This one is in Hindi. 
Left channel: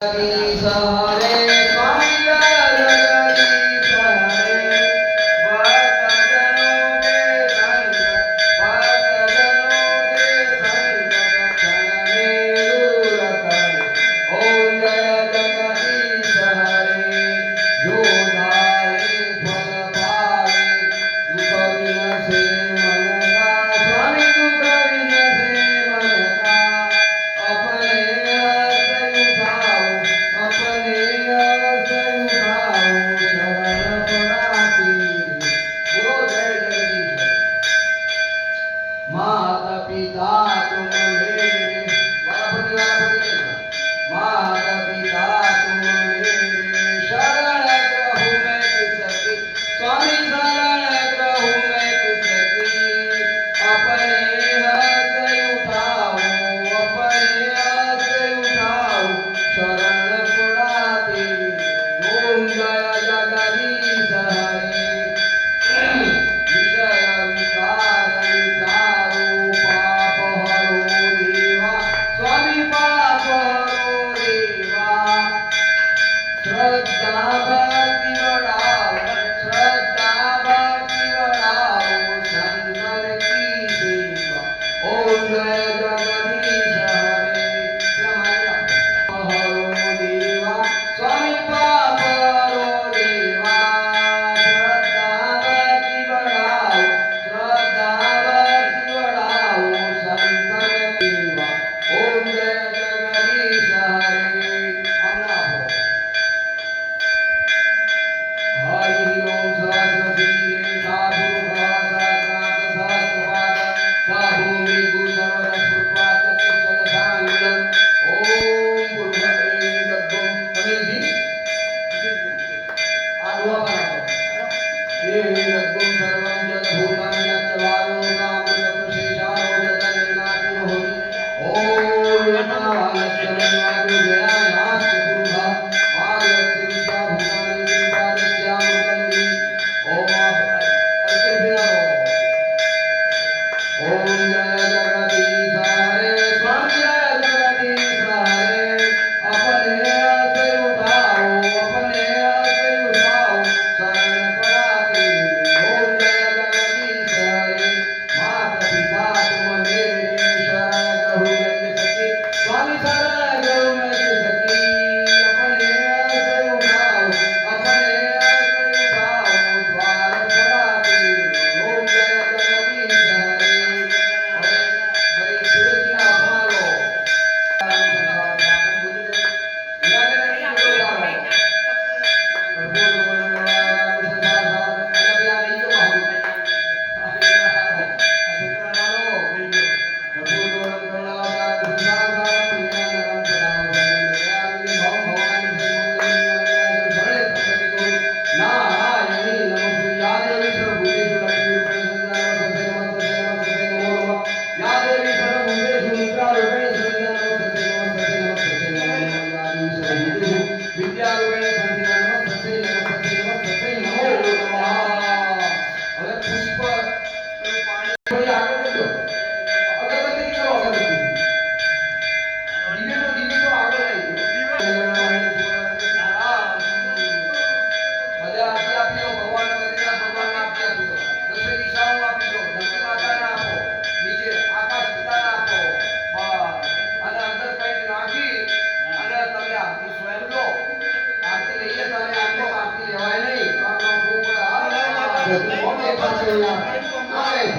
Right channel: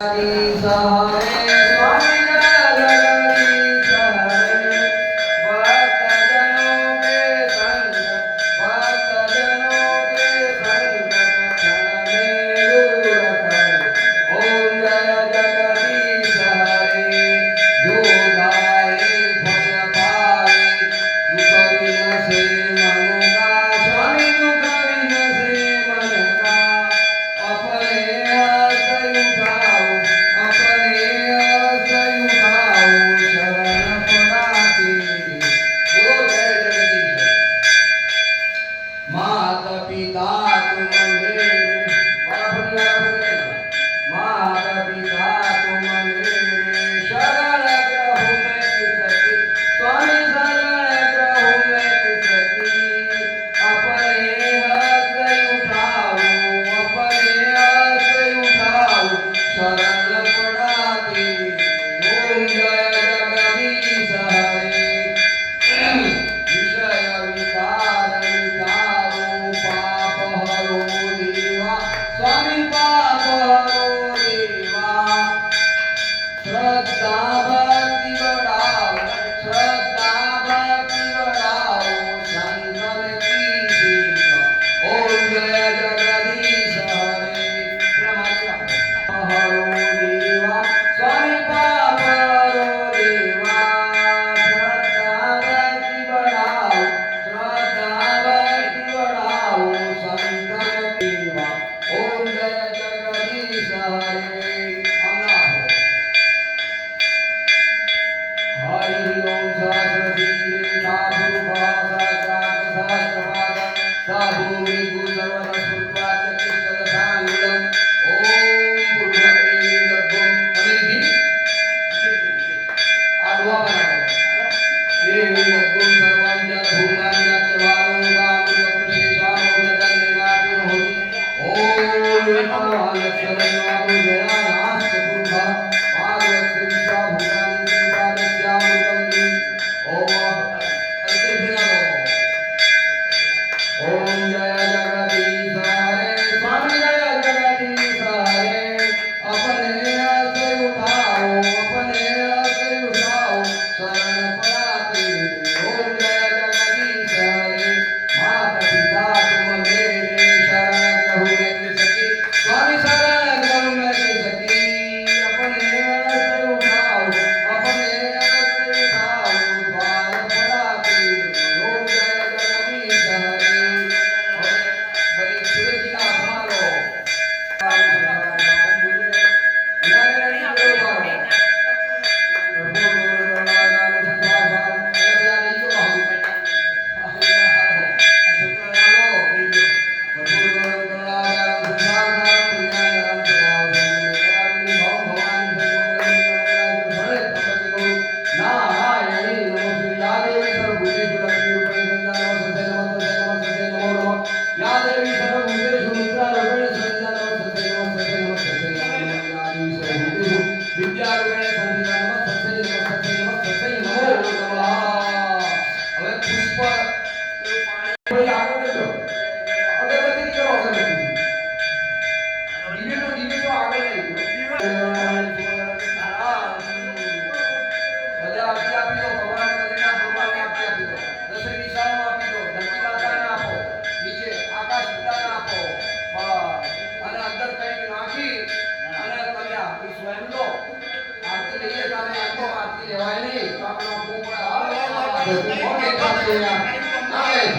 जगदीश हरे स्वामी जय जगदीश हरे भक्तजनों के संकट क्षण में दूर करे। ओम जय जगदीश हरे जो धारे फल पाए दुख विनसे मन का स्वामी दुख विनसे मन का अपने हाथ उठाओ अपने हाथ उठाओ शरण पड़ाते। बोलो जय जगदीश हरे। माता पिता तुम मेरे माता पिता तुम मेरे शरण ग्रहो मैं किसकी स्वामी शरण ग्रहो मैं किसकी अपने हाथ उठाओ अपने हाथ उठाओ शरण पड़ाते। ओम जय जगदीश हरे विषय विकार मिटाओ पाप हरो देवा स्वामी पाप हरो देवा श्रद्धा भक्ति बढ़ाओ श्रद्धा भक्ति बढ़ाओ संगत की सेवा। ओम जय जगदीश हरे हरो देवा स्वामी पाप हरो देवा श्रद्धा भक्ति बढ़ाओ श्रद्धा भक्ति बढ़ाओ संगत सेवा। ओम जय जगदीश हरे। अल्लाह हरि ओम सहस्रशीले साधु सहस्रांत सहस्रपाद साधु मृगु सर्वरसुर्वाच्य चित्तदशांगुलम। ओम पूर्वमे दग्गम अमेधि आडवा बनाओ ये दग्गम सर्वं जल भूतां जच वायुनामृतम शेषानो जल निगाति होति। ओम नमः वादो जयायाश्च पुरुषा वादस्य विश्वा भूतानि त्रिपादस्यामृतं हि। ओम ओम जय जगदीश हरे स्वामी जय जगदीश हरे अपने हाथ उठाओ अपने हाथ उठाओ शरण पड़ाते। ओम जय जगदीश हरे माता पिता तुम मेरे शरण ग्रहो मैं किसकी स्वामी शरण ग्रहो मैं किसकी अपने हाथ उठाओ अपने हाथ उठाओ द्वार पड़ाते। ओम जय जगदीश हरे भाई सूरज जी का अपना लो या देवी सर्वभूतेषु निद्रारूपेण संस्थिता नमस्तस्यै नमस्तस्यै नमस्तस्यै नमो सर्वभूतेषु विद्यारूपेण संस्थिता नमस्तस्यै नमस्तस्यै नमस्तस्यै नमो नमः। હવે પુષ્પ ભાઈ આગળ કરજો અગરબત્તી કરો અગરબત્તી દીવે તો આગળ લઈ બધા આપી દો ભગવાન બદ્રીનાથ ભગવાન આપી દો દસે દિશાઓ આપી દો ધરતી માતાને આપો નીચે આકાશ પિતાને આપો અને અંદર કંઈક નાખી અને તમે આરતી સ્વયં લો આરતી લઈએ તારે આટલો આરતી લેવાય નહીં તો આપણા પોપડા ઓકે